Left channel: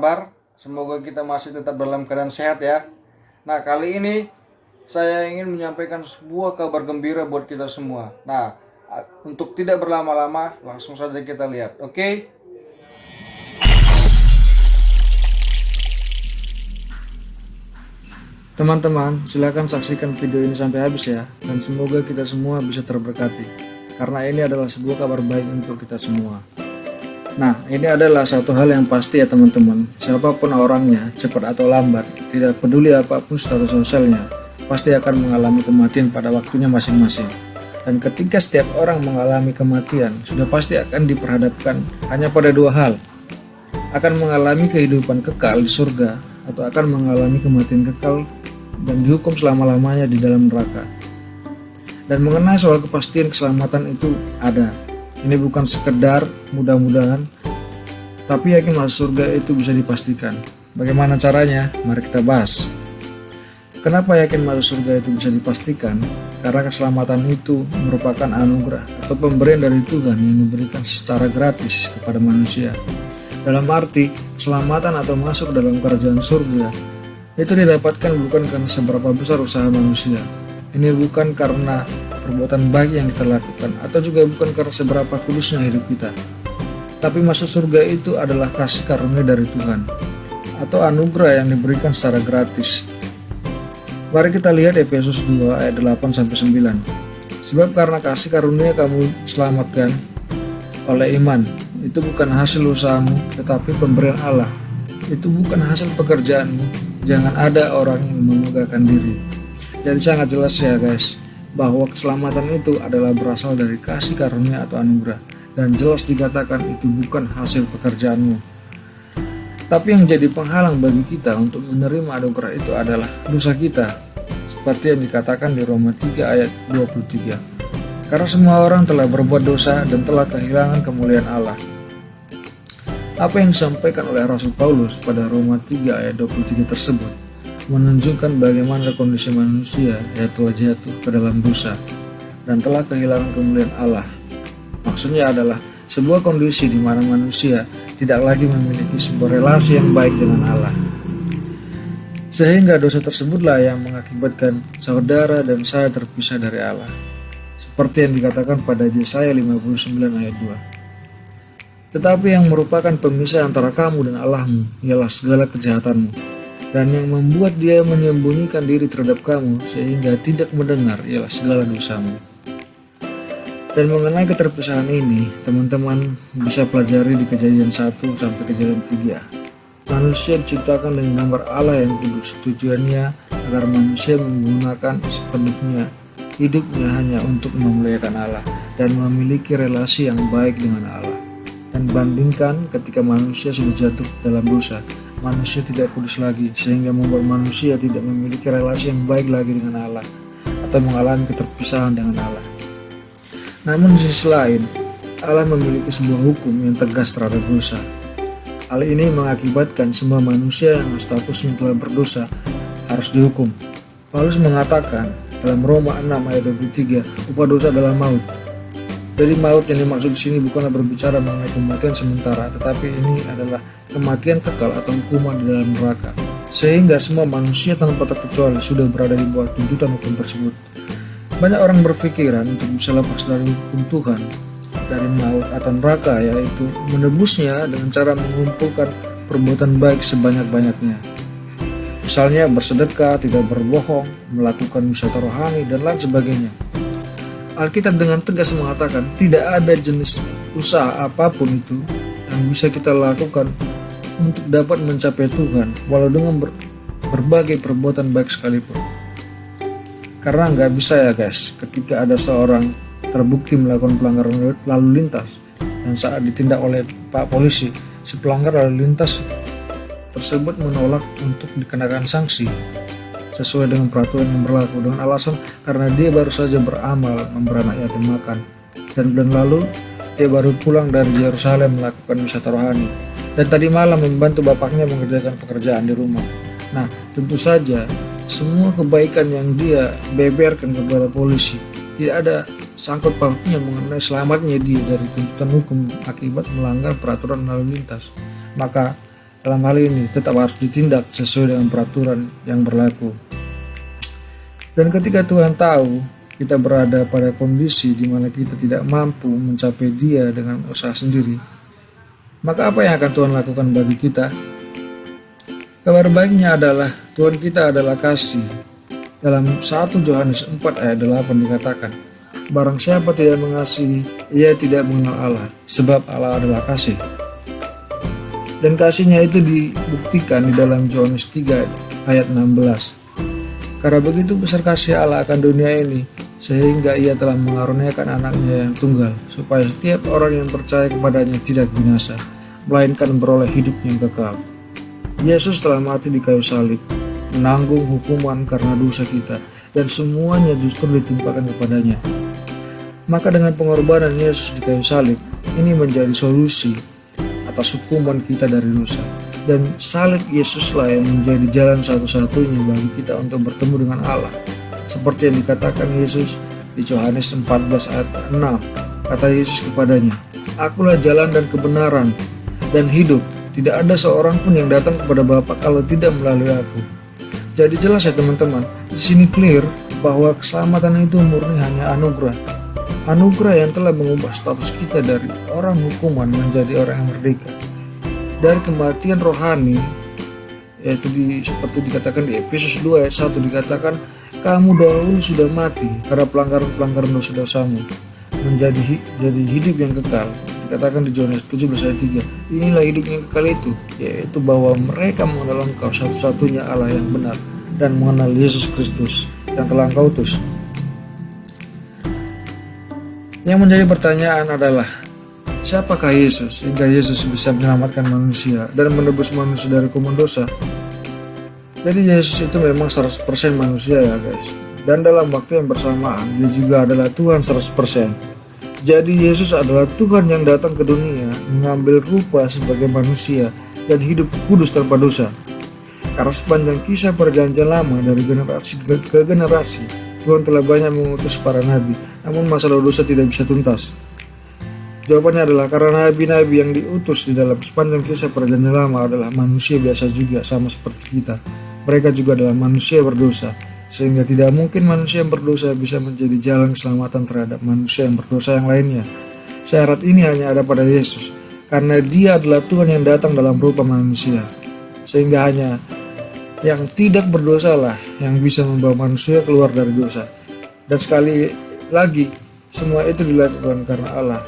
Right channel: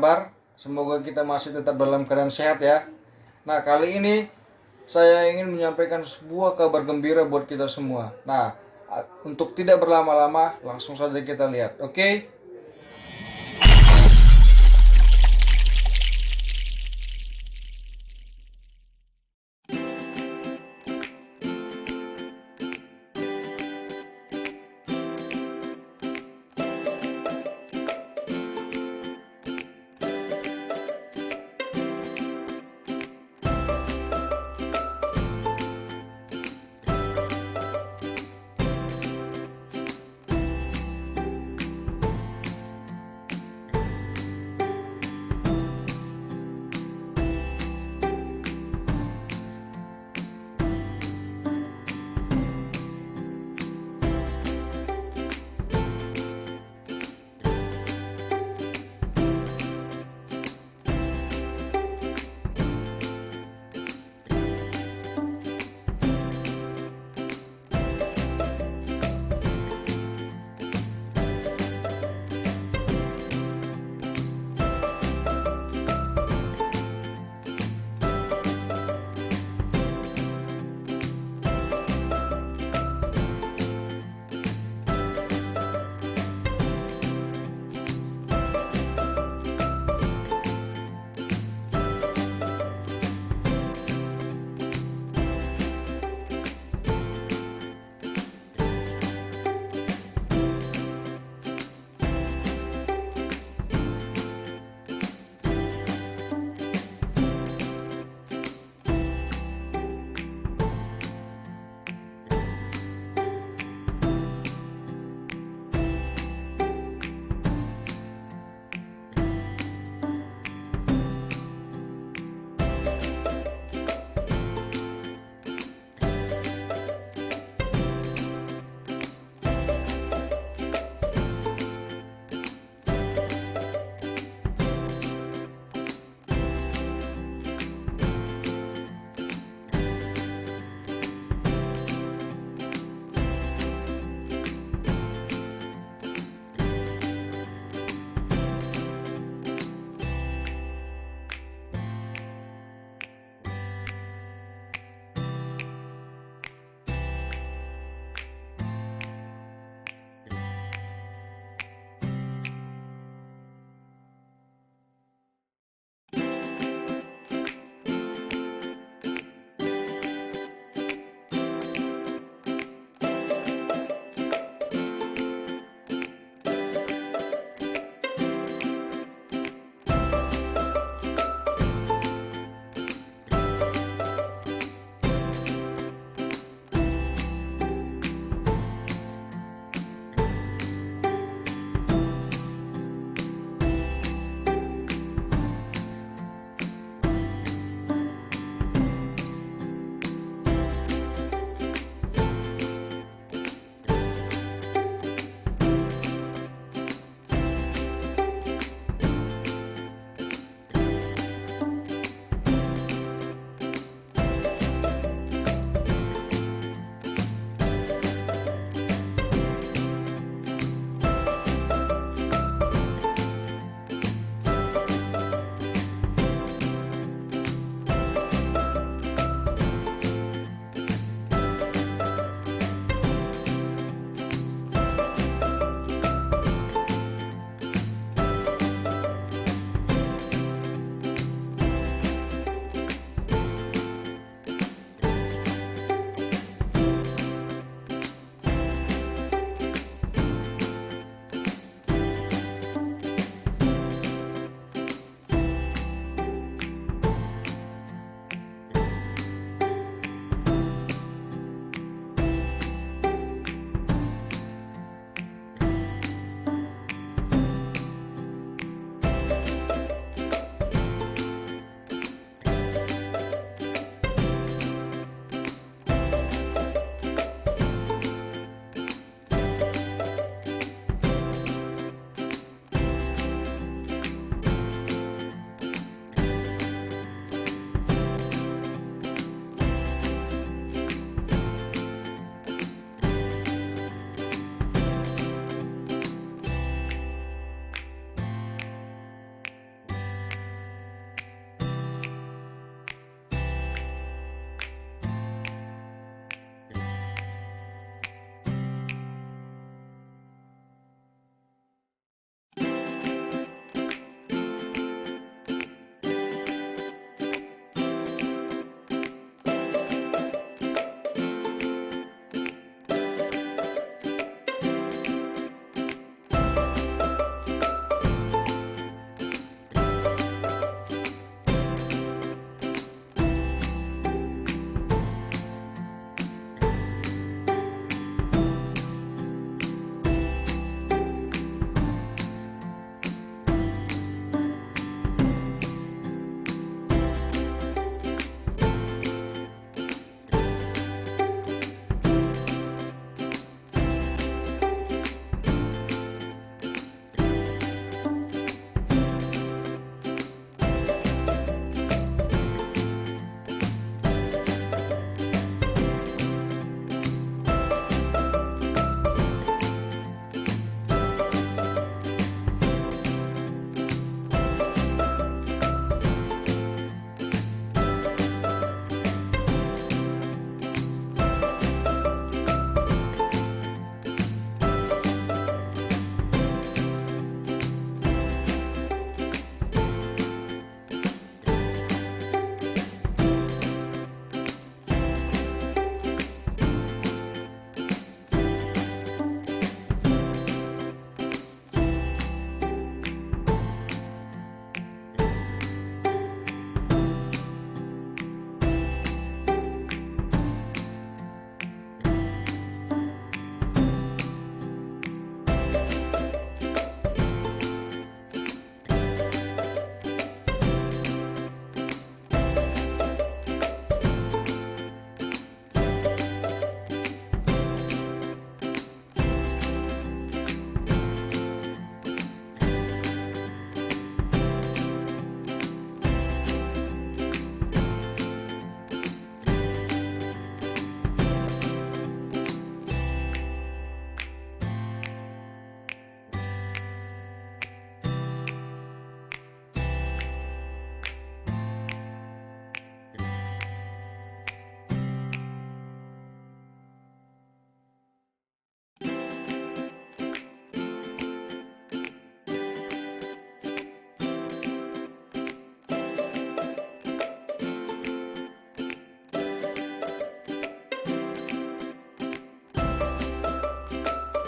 kabar? Semoga kita masih tetap dalam keadaan sehat ya. Nah, kali ini saya ingin menyampaikan sebuah kabar gembira buat kita semua. Nah, untuk tidak berlama-lama, langsung saja kita lihat, oke? Teman-teman, silakan saksikan video ini sampai habis ya. Dan semoga kita semua bisa terberkati. Karena ini adalah sebuah kabar baik untuk kita semua. Nah, ini adalah satu hal yang pasti ya teman-teman. Siapapun orangnya, cepat atau lambat, tidak peduli apapun status sosialnya, pasti akan mengalami kematian pada waktunya masing-masing. Dan ketika setiap orang mengalami kematian, sudah pasti akan diperhadapkan hanya pada dua hal. Akan mengalami kehidupan kekal di surga, atau akan mengalami kematian kekal dan dihukum selama-lamanya di dalam neraka. Dan mengenai soal kepastian keselamatan itu ada. Ini bukan sekedar mudah-mudahan, tapi yakin masuk surga itu bisa dipastikan. Bagaimana caranya? Mari kita bahas. Kenapa yakin masuk surga itu bisa dipastikan? Karena keselamatan itu merupakan anugerah atau pemberian dari Tuhan yang diberikan secara gratis kepada manusia. Dalam arti, keselamatan atau masuk dalam kerajaan surga itu didapatkan bukan karena seberapa besar usaha manusia. Ini bukan karena perbuatan baik yang kita lakukan, atau juga bukan karena seberapa kudusnya hidup kita. Tapi masuk surga itu adalah kasih karunia dari Tuhan, atau anugerah yang diberikan secara gratis. Mari kita lihat Efesus 2 ayat 8-9. Sebab karena kasih karunia kamu selamatkan oleh iman. Itu bukan hasil usahamu, tetapi pemberian Allah. Itu bukan hasil pekerjaanmu. Jangan ada orang yang memegahkan diri. Jadi sangat jelas ya guys, bahwa keselamatan itu adalah berasal dari kasih karunia atau anugerah. Dan jelas dikatakan itu bukan hasil pekerjaanmu. Tapi yang jadi penghalang bagi kita untuk menerima anugerah itu adalah dosa kita. Seperti yang dikatakan di Roma 3 ayat 23. Karena semua orang telah berbuat dosa dan telah kehilangan kemuliaan Allah. Apa yang disampaikan oleh Rasul Paulus pada Roma 3 ayat 23 tersebut menunjukkan bagaimana kondisi manusia yang telah jatuh ke dalam dosa dan telah kehilangan kemuliaan Allah. Maksudnya adalah sebuah kondisi di mana manusia tidak lagi memiliki sebuah relasi yang baik dengan Allah. Sehingga dosa tersebutlah yang mengakibatkan saudara dan saya terpisah dari Allah. Seperti yang dikatakan pada Yesaya 59 ayat 2. Tetapi yang merupakan pemisah antara kamu dan Allahmu ialah segala kejahatanmu. Dan yang membuat dia menyembunyikan diri terhadap kamu sehingga tidak mendengar ialah segala dosamu. Dan mengenai keterpisahan ini, teman-teman bisa pelajari di Kejadian 1 sampai Kejadian 3. Manusia diciptakan dengan gambar Allah yang kudus. Tujuannya agar manusia menggunakan sepenuhnya hidupnya hanya untuk memuliakan Allah dan memiliki relasi yang baik dengan Allah. Dan bandingkan ketika manusia sudah jatuh dalam dosa, manusia tidak kudus lagi, sehingga membuat manusia tidak memiliki relasi yang baik lagi dengan Allah atau mengalami keterpisahan dengan Allah. Namun di sisi lain, Allah memiliki sebuah hukum yang tegas terhadap dosa. Hal ini mengakibatkan semua manusia yang statusnya telah berdosa harus dihukum. Paulus mengatakan dalam Roma 6 ayat 23, upah dosa adalah maut. Jadi maut yang dimaksud di sini bukanlah berbicara mengenai kematian sementara, tetapi ini adalah kematian kekal atau hukuman di dalam neraka. Sehingga semua manusia tanpa terkecuali sudah berada di bawah tuntutan hukum tersebut. Banyak orang berpikiran untuk bisa lepas dari hukum Tuhan, dari maut atau neraka, yaitu menebusnya dengan cara mengumpulkan perbuatan baik sebanyak-banyaknya. Misalnya bersedekah, tidak berbohong, melakukan wisata rohani, dan lain sebagainya. Alkitab dengan tegas mengatakan tidak ada jenis usaha apapun itu yang bisa kita lakukan untuk dapat mencapai Tuhan walau dengan berbagai perbuatan baik sekalipun. Karena nggak bisa ya guys, ketika ada seorang terbukti melakukan pelanggaran lalu lintas dan saat ditindak oleh Pak Polisi, si pelanggar lalu lintas tersebut menolak untuk dikenakan sanksi sesuai dengan peraturan yang berlaku dengan alasan karena dia baru saja beramal memberi anak yatim makan, dan bulan lalu dia baru pulang dari Yerusalem melakukan wisata rohani, dan tadi malam membantu bapaknya mengerjakan pekerjaan di rumah. Nah, tentu saja semua kebaikan yang dia beberkan kepada polisi tidak ada sangkut pautnya mengenai selamatnya dia dari tuntutan hukum akibat melanggar peraturan lalu lintas. Maka dalam hal ini tetap harus ditindak sesuai dengan peraturan yang berlaku. Dan ketika Tuhan tahu kita berada pada kondisi di mana kita tidak mampu mencapai Dia dengan usaha sendiri, maka apa yang akan Tuhan lakukan bagi kita? Kabar baiknya adalah Tuhan kita adalah kasih. Dalam 1 Yohanes 4 ayat 8 dikatakan, barang siapa tidak mengasihi, ia tidak mengenal Allah, sebab Allah adalah kasih. Dan kasihnya itu dibuktikan di dalam Yohanes 3 ayat 16. Karena begitu besar kasih Allah akan dunia ini, sehingga ia telah mengaruniakan anaknya yang tunggal, supaya setiap orang yang percaya kepadanya tidak binasa, melainkan beroleh hidup yang kekal. Yesus telah mati di kayu salib, menanggung hukuman karena dosa kita, dan semuanya justru ditimpakan kepadanya. Maka dengan pengorbanan Yesus di kayu salib, ini menjadi solusi atas hukuman kita dari dosa. Dan salib Yesuslah yang menjadi jalan satu-satunya bagi kita untuk bertemu dengan Allah. Seperti yang dikatakan Yesus di Yohanes 14 ayat 6. Kata Yesus kepadanya, "Akulah jalan dan kebenaran dan hidup. Tidak ada seorang pun yang datang kepada Bapa kalau tidak melalui aku." Jadi jelas ya teman-teman, di sini clear bahwa keselamatan itu murni hanya anugerah. Anugerah yang telah mengubah status kita dari orang hukuman menjadi orang yang merdeka. Dari kematian rohani, yaitu seperti dikatakan di Efesus 2 ayat 1 dikatakan, kamu dahulu sudah mati karena pelanggaran dosa-dosamu, menjadi hidup yang kekal. Dikatakan di Yohanes 17 ayat 3, inilah hidup yang kekal itu, yaitu bahwa mereka mengenal Engkau satu-satunya Allah yang benar dan mengenal Yesus Kristus yang telah Engkau utus. Yang menjadi pertanyaan adalah, siapakah Yesus hingga Yesus bisa menyelamatkan manusia dan menebus manusia dari hukuman dosa? Jadi Yesus itu memang 100% manusia ya guys. Dan dalam waktu yang bersamaan dia juga adalah Tuhan 100%. Jadi Yesus adalah Tuhan yang datang ke dunia mengambil rupa sebagai manusia dan hidup kudus tanpa dosa. Karena sepanjang kisah perjanjian lama dari generasi ke generasi, Tuhan telah banyak mengutus para nabi, namun masalah dosa tidak bisa tuntas. Jawabannya adalah karena nabi-nabi yang diutus di dalam sepanjang kisah perjanjian lama adalah manusia biasa juga, sama seperti kita. Mereka juga adalah manusia berdosa, sehingga tidak mungkin manusia yang berdosa bisa menjadi jalan keselamatan terhadap manusia yang berdosa yang lainnya. Syarat ini hanya ada pada Yesus, karena Dia adalah Tuhan yang datang dalam rupa manusia, sehingga hanya yang tidak berdosa lah yang bisa membawa manusia keluar dari dosa. Dan sekali lagi, semua itu dilakukan karena Allah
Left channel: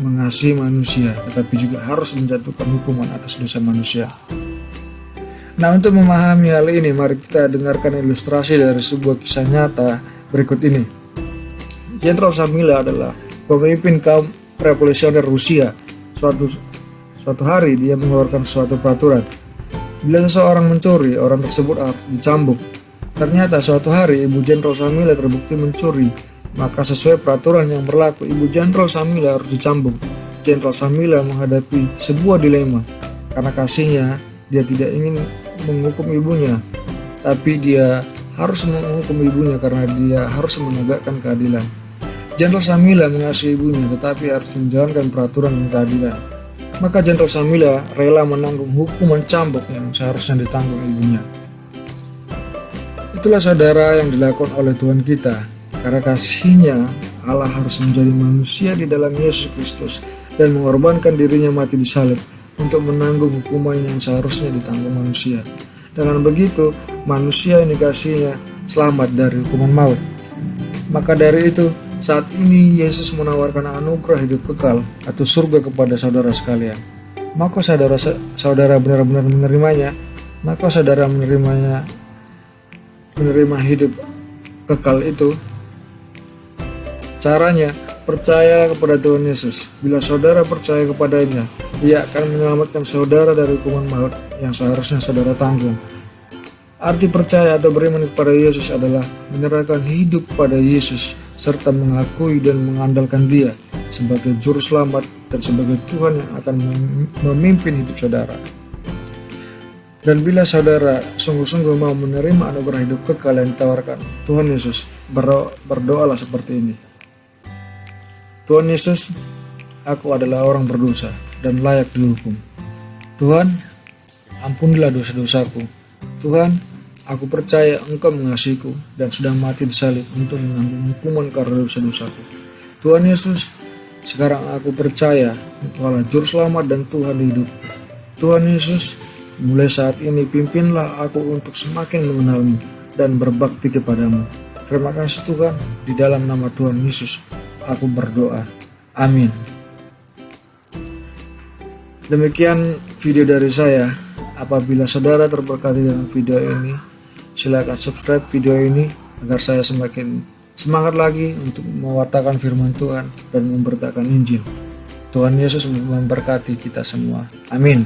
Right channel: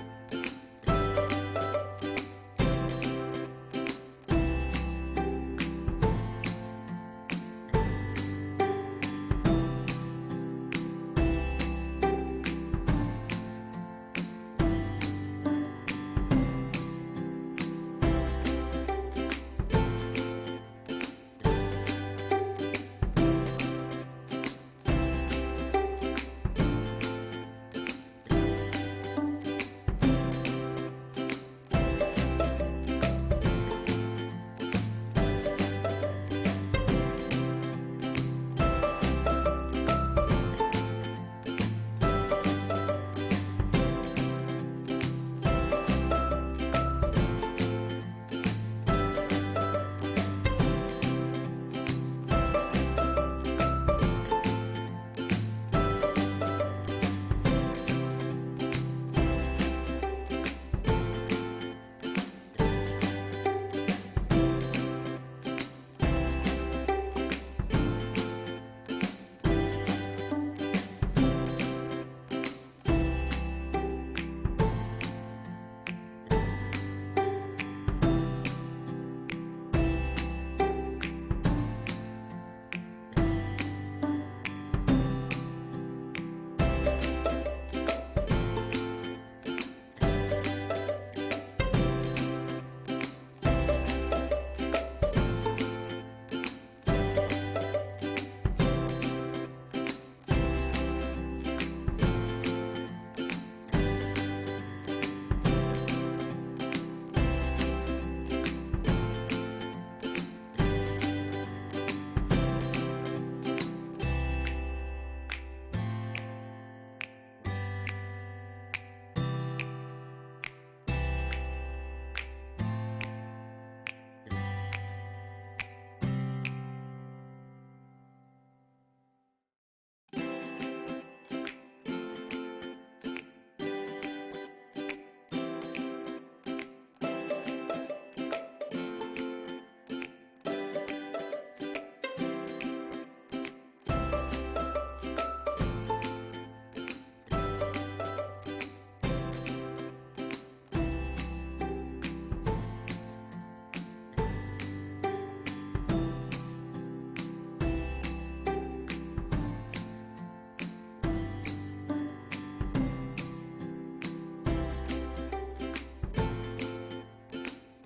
mengasihi manusia, tetapi juga harus menjatuhkan hukuman atas dosa manusia. Nah, untuk memahami hal ini, mari kita dengarkan ilustrasi dari sebuah kisah nyata berikut ini. Jenderal Samila adalah pemimpin kaum revolusioner Rusia. Suatu hari dia mengeluarkan suatu peraturan. Bila seseorang mencuri, orang tersebut harus dicambuk. Ternyata suatu hari Ibu Jenderal Samila terbukti mencuri. Maka sesuai peraturan yang berlaku, Ibu Jenderal Samila harus dicambuk. Jenderal Samila menghadapi sebuah dilema. Karena kasihnya, dia tidak ingin menghukum ibunya, tapi dia harus menghukum ibunya karena dia harus menegakkan keadilan. Jenderal Samila mengasihi ibunya, tetapi harus menjalankan peraturan dan keadilan. Maka Jenderal Samila rela menanggung hukuman cambuk yang seharusnya ditanggung ibunya. Itulah saudara yang dilakukan oleh Tuhan kita. Karena kasihnya, Allah harus menjadi manusia di dalam Yesus Kristus dan mengorbankan dirinya mati di salib untuk menanggung hukuman yang seharusnya ditanggung manusia. Dengan begitu, manusia yang dikasihinya selamat dari hukuman maut. Maka dari itu, saat ini Yesus menawarkan anugerah hidup kekal atau surga kepada saudara sekalian. Maka saudara benar-benar menerimanya, maka saudara menerima hidup kekal itu. Caranya, percaya kepada Tuhan Yesus. Bila saudara percaya kepadanya, Dia akan menyelamatkan saudara dari hukuman maut yang seharusnya saudara tanggung. Arti percaya atau beriman kepada Yesus adalah menyerahkan hidup pada Yesus serta mengakui dan mengandalkan Dia sebagai juru selamat dan sebagai Tuhan yang akan memimpin hidup saudara. Dan bila saudara sungguh-sungguh mau menerima anugerah hidup kekal yang ditawarkan Tuhan Yesus, berdoalah seperti ini. Tuhan Yesus, aku adalah orang berdosa dan layak dihukum. Tuhan, ampunilah dosa-dosaku. Tuhan, aku percaya Engkau mengasihiku dan sudah mati di salib untuk menanggung hukuman karena dosa-dosaku. Tuhan Yesus, sekarang aku percaya Engkaulah Juru Selamat dan Tuhan hidupku. Tuhan Yesus, mulai saat ini pimpinlah aku untuk semakin mengenalmu dan berbakti kepadamu. Terima kasih Tuhan, di dalam nama Tuhan Yesus aku berdoa. Amin. Demikian video dari saya. Apabila saudara terberkati dengan video ini, silakan subscribe video ini agar saya semakin semangat lagi untuk mewartakan firman Tuhan dan memberitakan Injil. Tuhan Yesus memberkati kita semua. Amin.